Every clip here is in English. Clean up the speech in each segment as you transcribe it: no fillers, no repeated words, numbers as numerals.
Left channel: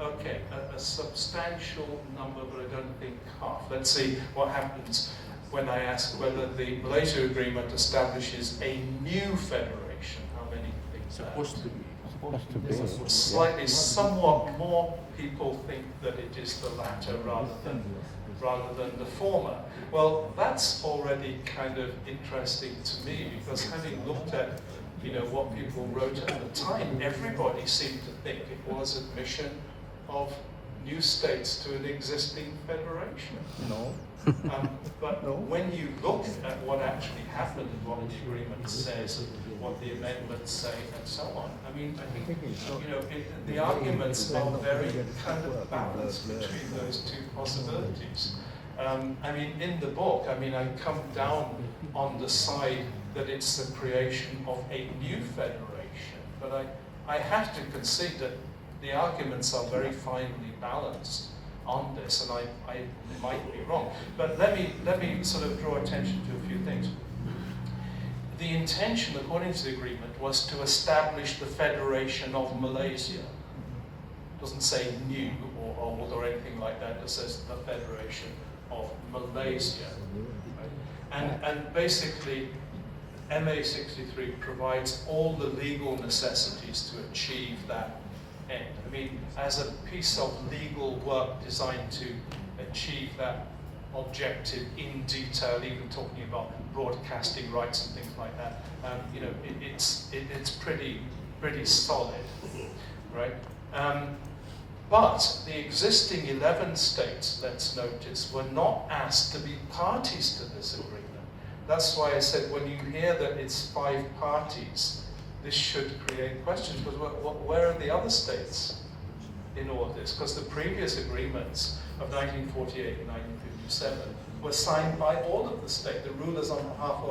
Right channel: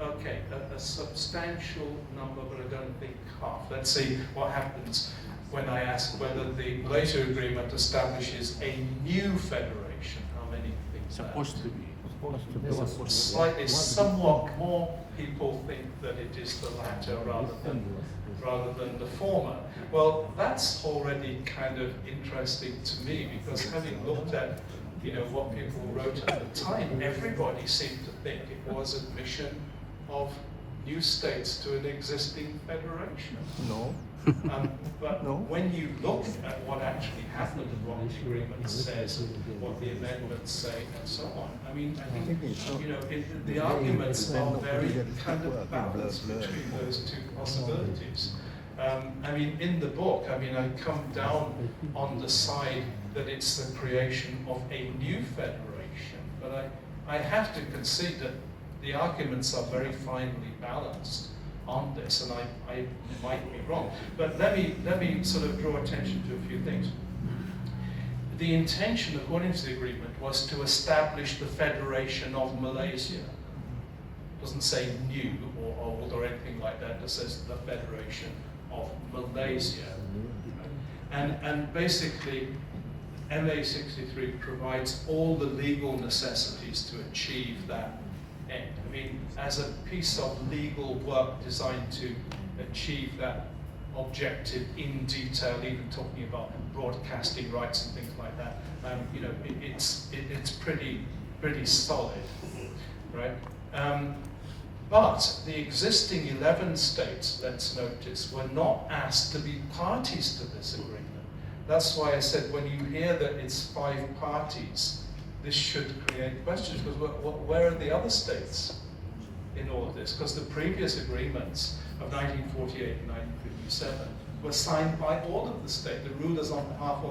Okay, a substantial number, but I don't think half. Let's see what happens when I ask whether the Malaysia Agreement establishes a new federation. How many think that? Slightly, somewhat more people think that it is the latter rather than the former. Well, that's already kind of interesting to me, because having looked at what people wrote at the time, everybody seemed to think it was admission of new states to an existing federation. No. But when you look at what actually happened, what the agreement says, what the amendments say, and so on, I mean, I think the arguments are very kind of balanced between those two possibilities. I mean, in the book, I come down on the side that it's the creation of a new federation, but I have to concede that the arguments are very finely balanced on this, and I might be wrong. But let me sort of draw attention to a few things. The intention, according to the agreement, was to establish the Federation of Malaysia. It doesn't say new or old or anything like that. It says the Federation of Malaysia. Right? And basically, MA63 provides all the legal necessities to achieve that end. I mean, as a piece of legal work designed to achieve that objective in detail, even talking about broadcasting rights and things like that, it's pretty solid, right? But the existing 11 states, let's notice, were not asked to be parties to this agreement. That's why I said when you hear that it's 5 parties, this should create questions, because where are the other states in all of this? Because the previous agreements of 1948 and 1957 were signed by all of the states, the rulers on behalf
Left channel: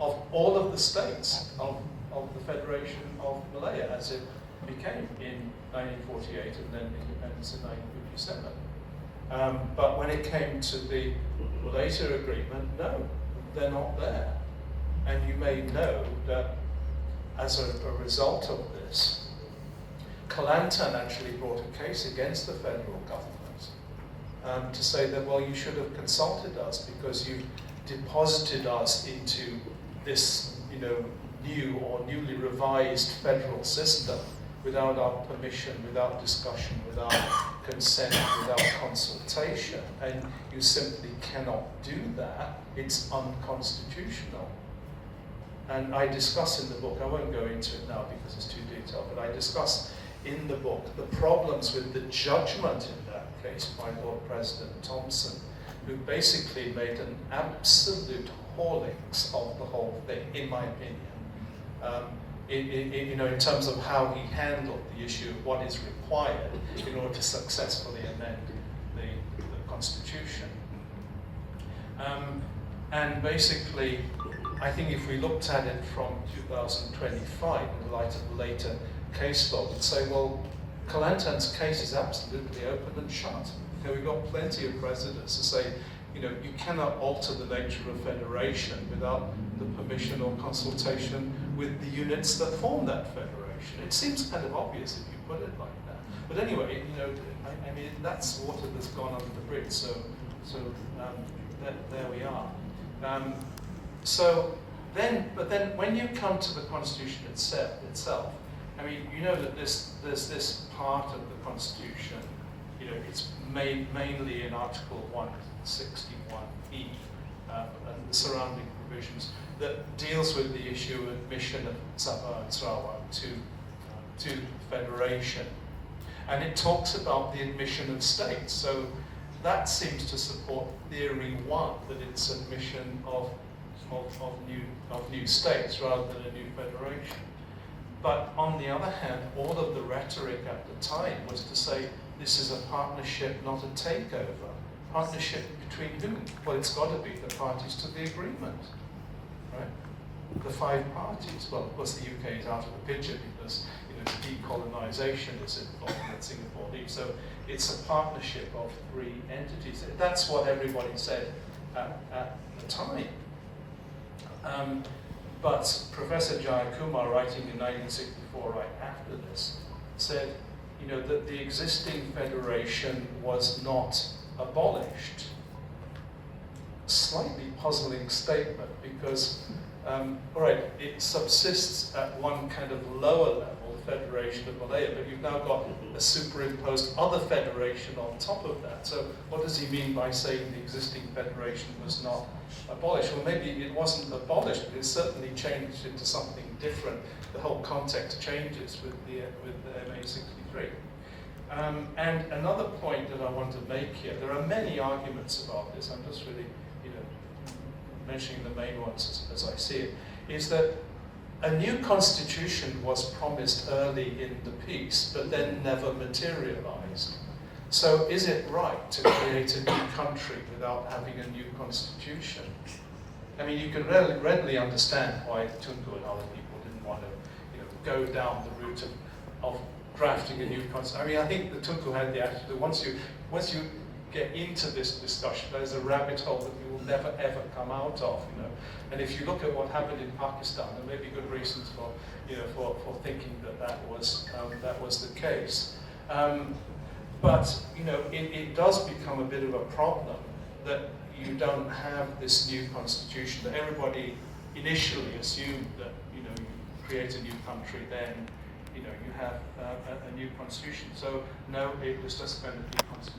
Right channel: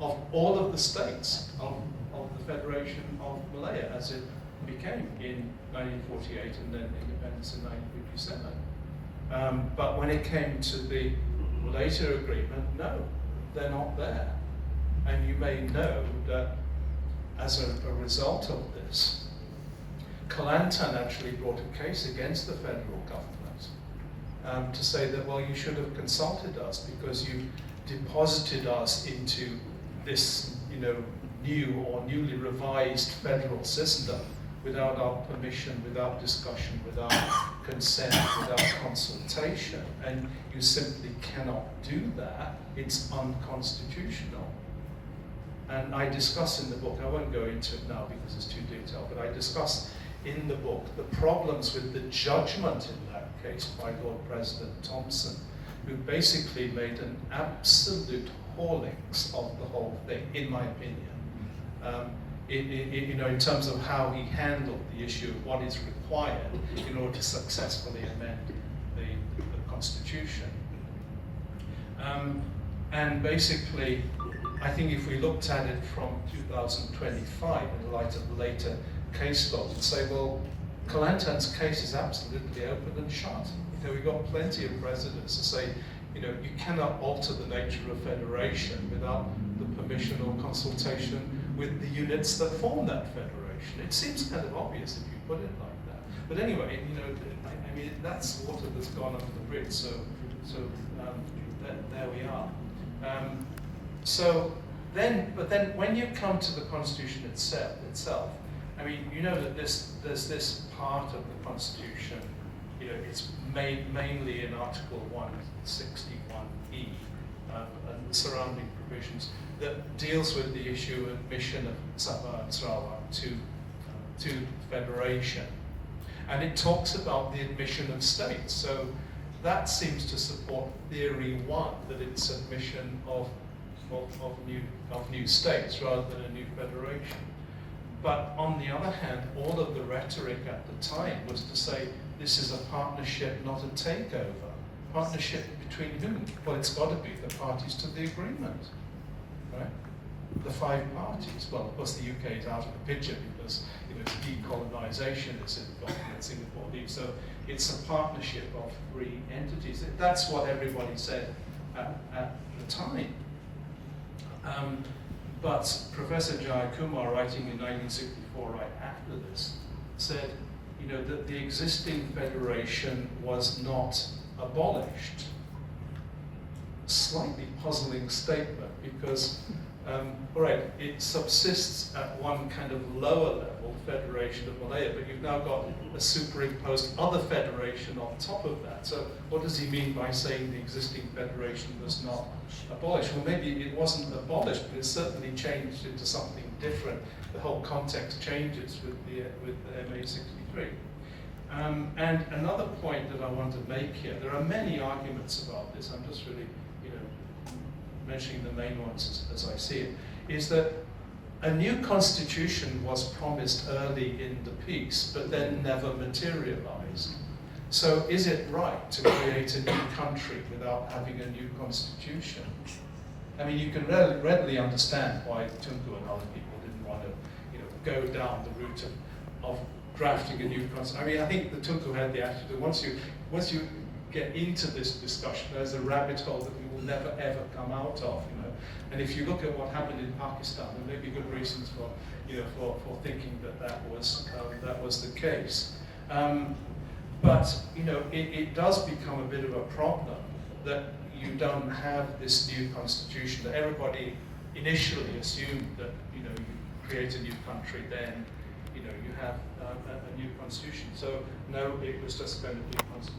of all of the states of the Federation of Malaya, as it became in 1948 and then independence in 1957. But when it came to the Malaysia Agreement, no, they're not there. And you may know that as a result of this, Kelantan actually brought a case against the federal government to say that, well, you should have consulted us because you deposited us into this, new or newly revised federal system without our permission, without discussion, without consent, without consultation, and you simply cannot do that. It's unconstitutional. And I discuss in the book, I won't go into it now because it's too detailed, but I discuss in the book the problems with the judgment in that case by Lord President Thompson, who basically made an absolute haulings of the whole thing, in my opinion. In terms of how he handled the issue of what is required in order to successfully amend the Constitution. And basically, I think if we looked at it from 2025 in the light of later case law, we'd say, well, Kelantan's case is absolutely open and shut. We've got plenty of precedents to say, you cannot alter the nature of federation without the permission or consultation with the units that form that federation. It seems kind of obvious if you put it like that. But anyway, I mean, that's water that's gone under the bridge, so there we are. But then when you come to the Constitution itself, I mean, that there's this part of the Constitution, it's made mainly in Article 161E and the surrounding provisions that deals with the issue of admission of Sabah and Sarawak to federation. And it talks about the admission of states. So that seems to support theory 1, that it's admission of new states rather than a new federation. But on the other hand, all of the rhetoric at the time was to say this is a partnership, not a takeover. Partnership between whom? Well, it's got to be the parties to the agreement, right? The 5 parties. Well, of course, the UK is out of the picture because decolonisation is involved in Singapore leaves. So it's a partnership of 3 entities. That's what everybody said at the time. But Professor Jayakumar, writing in 1964, right after this, said, that the existing federation was not abolished. Slightly puzzling statement because, all right, it subsists at one kind of lower level, Federation of Malaya, but you've now got a superimposed other federation on top of that. So what does he mean by saying the existing federation was not abolished? Well, maybe it wasn't abolished, but it certainly changed into something different. The whole context changes with the MA63. And another point that I want to make here, there are many arguments about this, I'm just really mentioning the main ones as I see it, is that a new constitution was promised early in the peace, but then never materialized. So is it right to create a new country without having a new constitution? I mean, you can readily understand why Tunku and other people didn't want to go down the route of drafting a new constitution. I mean, I think the Tunku had the attitude that once you get into this discussion, there's a rabbit hole that you will never ever come out of. And if you look at what happened in Pakistan, there may be good reasons for thinking that was the case. But it does become a bit of a problem that you don't have this new constitution. That everybody initially assumed that you create a new country, then you have a new constitution. So no, it was just going to be a constitution.